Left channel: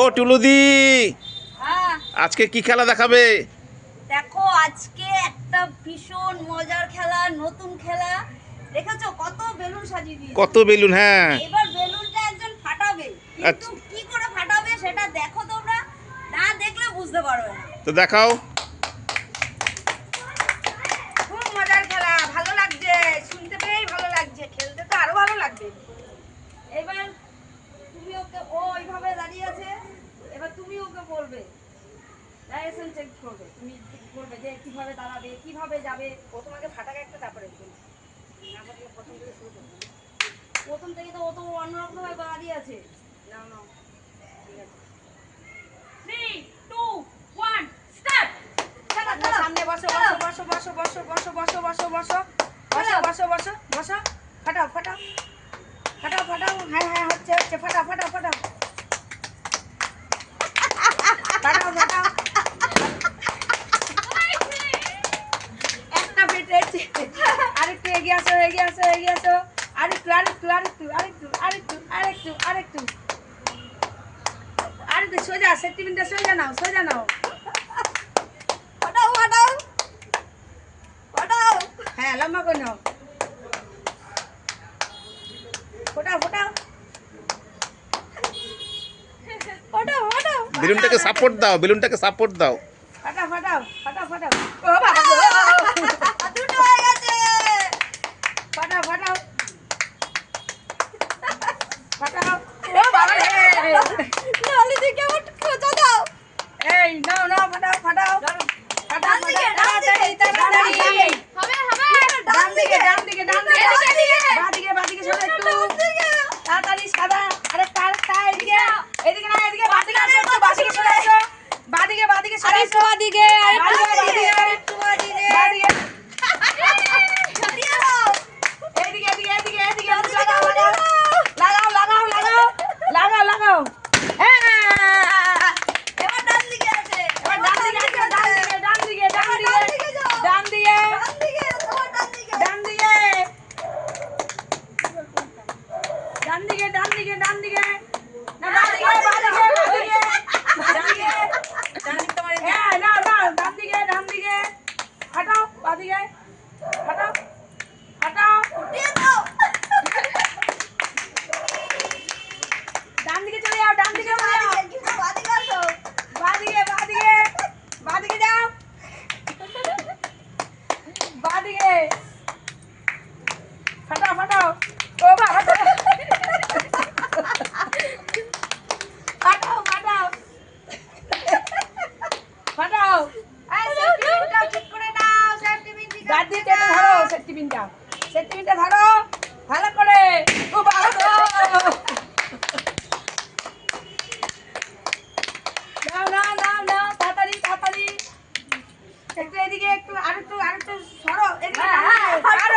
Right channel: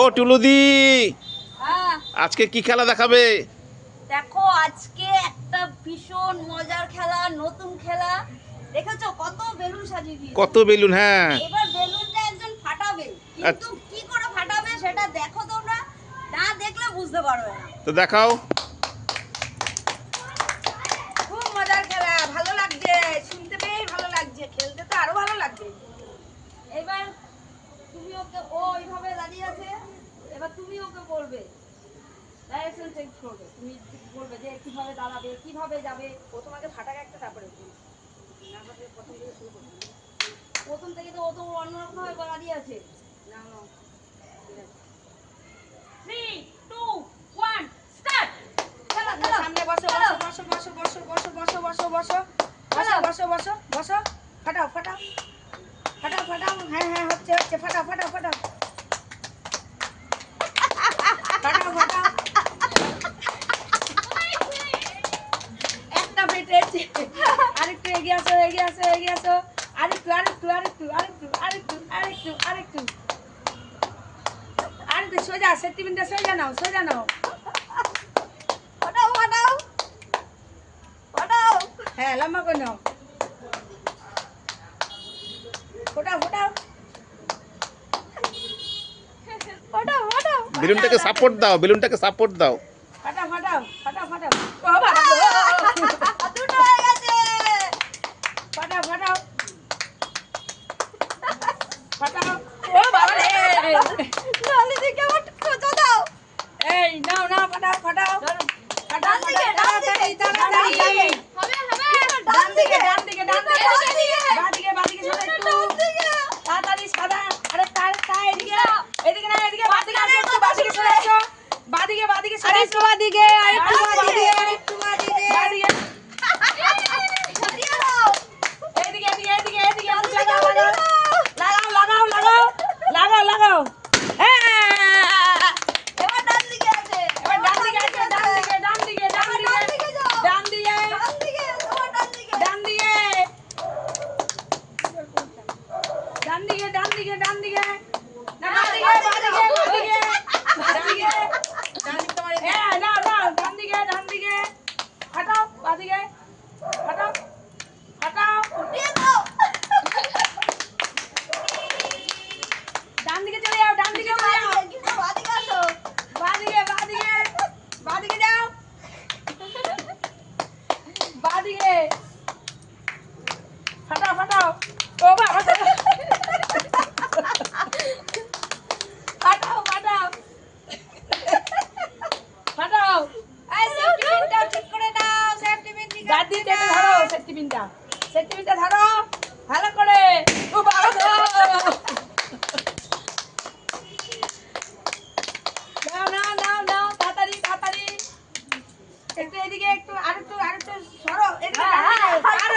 ও টুলুদি, হ্যাঁ আজকে কি খেলা দেখাবে? দেখো, আজকে একটা ভীষণ মজার খেলা, নতুন খেলা। দেখেছো কত বেলুন সাজিয়ে দিয়েছি। কত বেলুন! হ্যাঁ, এবার বেলুনটা একজন ফাটাবে, কিন্তু আচ্ছা। কি করে ফাটাবে সেটা দেখো তোমরা, না দেখলে বুঝতে পারবে না। তো দেখাও। খুব মজার খেলা, ভালো লাগছে, শুনতে পেয়েই ভালো লাগছে, খেলতে তো আরো ভালো লাগবে। এবার তুমি ওকে, ও এইভাবে দাঁড়িয়ে আছে, এবার তুমি ওকে বলবে, ডাইরেকশন চেঞ্জ করবে। তুমি বলবে যে কিভাবে দাঁড়াবে, কিভাবে যাবে। ও তোমাকে ফাটাকে একটা তারপরে বলবে, না ফাটিয়ে প্রথম থেকে শুরু করবে। প্রথম থেকে তো ও তো অন্যরকম ভাবে দাঁড়িয়ে আছে। নাও নাও, ঠিক আছে, 3 2 1 স্টার্ট। সামনে বসো বসো বসো বসো বসো বসো বসো বসো বসো বসো বসো বসো বসো, ফাটাও ফাটাও ফাটাও ফাটাও। হ্যাঁ হ্যাঁ, হচ্ছে হচ্ছে, ফাটাও ফাটাও ফাটাও ফাটাও ফাটাও। একটা পেটেছে, আরেকটু এগিয়ে আসো এগিয়ে আসো এগিয়ে আসো, আরেকটু আরেকটু আরেকটু আরেকটু আরেকটু আরেকটু আরেকটু আরেকটু, সোজা সেন্টিমিটার, সোজা নাও সোজা নাও, ফাটাও ফাটাও ফাটাও। হ্যাঁ, লম্বা করে নাও, ফোটাও ফোটাও ফোটাও ফোটাও। বেলুনটাকে সাপোর্ট দাও, বেলুনটাকে সাপোর্ট দাও। ফাটাও ফাটাও ফাটাও ফাটাও। ও বাবা গো, দুটো হয়ে গেছে। ফাটাও ফাটাও ফাটাও। ও বাবা রে, নালি দিকে মত খোঁজা দাও। এই নাও নাও, ফাটাও ফাটাও ফাটাও। ডান দিকে ডান দিকে হবে হবে, ডান দিকে ডান দিকে ডান দিকে, বাদিকে বাদিকে সরে একটু তাড়াতাড়ি, সাদা আরেকটা আরেকটা, এদিকে এদিকে না, এদিকে বাদিকে আসো, একটু বাদিকে সরে আসো, বাদিকে বাদিকে সরে আসো, বাদিকে আরেকটু বাদিকে বাদিকে, এদিকে এদিকে এদিকে এদিকে, লাগাও লাগাও লাগাও লাগাও লাগাও লাগাও লাগাও। এবার ডান দিকে আছে, এবার ডান দিকে আছে, ডান দিকে ডান দিকে ডান দিকে ডান দিকে ডান দিকে ডান দিকে ডান দিকে ডান দিকে, না বাদিকে বাদিকে বাদিকে বাদিকে ডান দিকে, তোমার হ্যাঁ না না, ডান দিকে ডান দিকে, হাঁটাও বাদিকে, হাঁটাও হাঁটাও, উঠিয়ে দাও, ডান দিকে চলে যাও, ডান দিকে চলে যাও, বাদিকে আসো, বাদিকে বাদিকে বাদিকে যাও, বাদিকে ফাটাও ফাটাও। ও বাবা, ফাটাও ফাটাও ফাটাও। এই সেফটি পিনটা ঠিক করে দাও, সেফটি পিন ঠিক আছে, দাদি টেনে ধরো, সেফটি পিনটা, সেফটি পিনটা ধরো ভালো করে। ও বাবা গো, নাও নাও নাও নাও, তাড়াতাড়ি তাড়াতাড়ি, একটু এদিকে, একটু আরেকটু আরেকটু সরো, এদিকে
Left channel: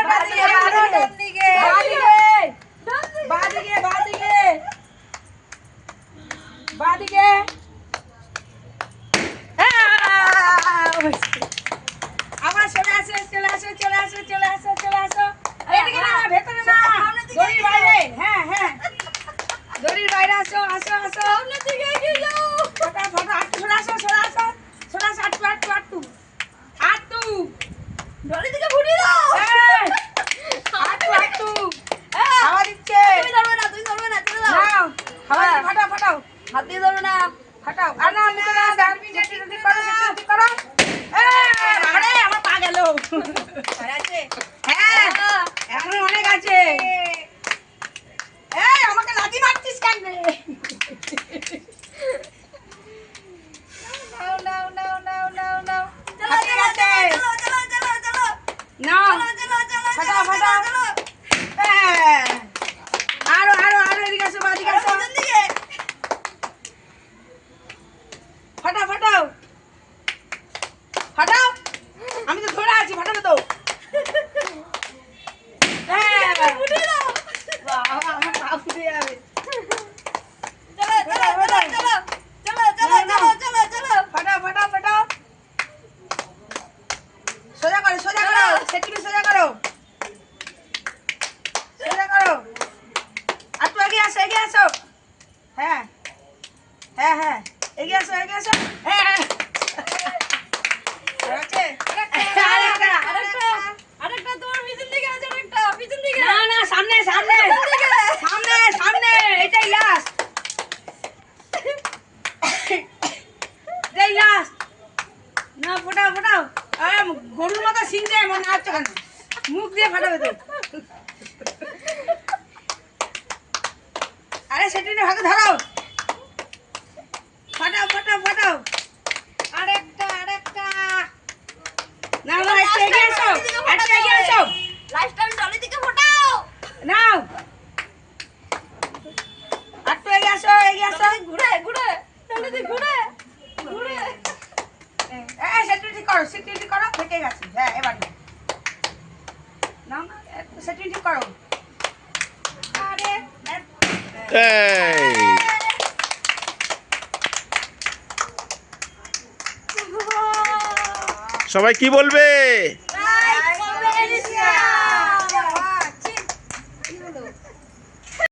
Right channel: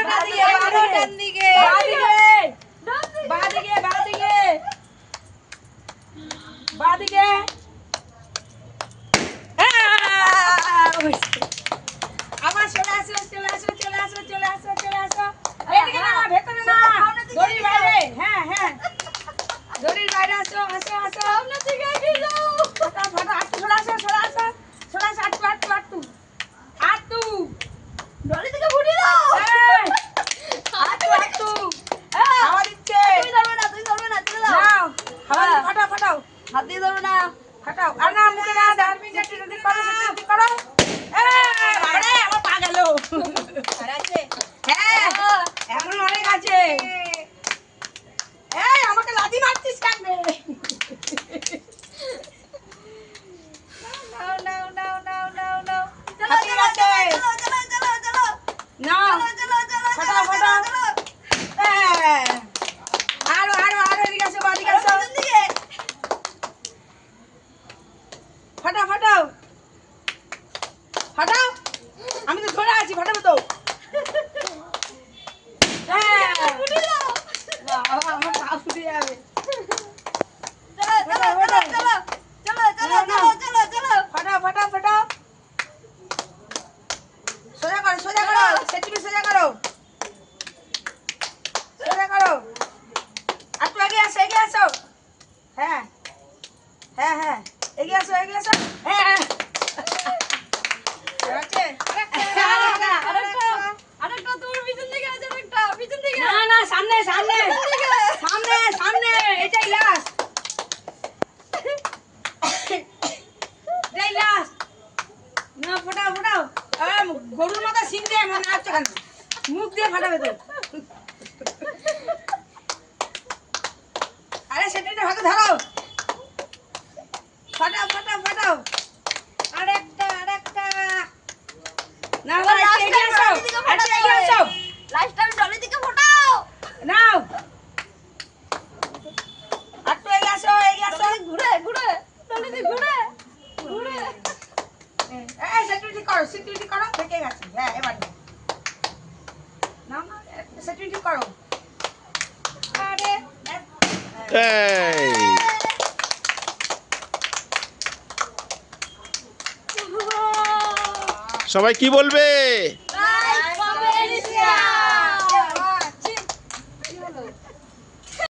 ডান দিকে, ডান দিকে বাদিকে বাদিকে বাদিকে। আবার চলে আসো চলে আসো চলে আসো চলে আসো চলে আসো, এদিকে না, ভেতরে না, দড়ির বাইরে, হ্যাঁ হ্যাঁ দড়ির বাইরে আসো আসো আসো, সামনের দিকে এগিয়ে যাও, ফটাফট ফটাফট, আটটু সরে আসো সরে আসো সরে আসো, আটটু আটটু আটটু আটটু, দড়ি দিকে ঘুরিয়ে দাও, আটটু আটটু, হাওয়া দিচ্ছে, তুমি ধরবে না, তুমি ধরবে না, চলে দাও, নাও হাওয়া দিয়ে ফাটাও ফাটাও, হাত দিয়ে ধরো না, ফাটাও, আর না মুখে না, ডারবিনটা ঠিক করো, ঠিক করো। বাবারে, আমার পা গেল, আর আছে, হ্যাঁ এখন অনেক আছে। এই আমাকে লাথি মারছিস কেন রে? নাও নাও নাও নাও নাও নাও, হাতিয়ে গেছে, নাও ফাটাও ফাটাও, আরো আরো আরো, এদিকে আসো বাদিকে আসো, ফাটাও ফাটাও ফাটাও, আমি তো ধরে আছি, ফাটাবে তো, বাবা আমার পা ফুটে যাবে। হ্যাঁ হ্যাঁ এগিয়ে আসো এগিয়ে আসো। হ্যাঁ হ্যাঁ ওকে আরেকটা তোমার পিছন দিকে আছে, আরেকটা পিছন দিকে। না না সামনে সামনে সামনে সামনে এটাই লাস্ট এটাই লাস্ট না ফোটাও ফোটাও আরে গরুর মতো সিনতে মনে হচ্ছে কেন মুখ দিয়ে ফাটাবে তো আরে সেটা ভাগে ধরো ফাটাও ফাটাও ফাটাও আরেকটা আরেকটা না আবার একটু এগিয়ে আসো একটু এগিয়ে আসো লাস্ট টাইম টলি দিকে ফোটাও। নাও একটু এগিয়ে আসো এগিয়ে আসো ঘুরে ঘুরে টলি দিকে ঘুরে ঘুরে। সেটিউরিটি করো সিকিউরিটি করো থেকে গেছে হ্যাঁ এবার না না সেটিউরিটি করো আরে এই সবাই কি বলবে?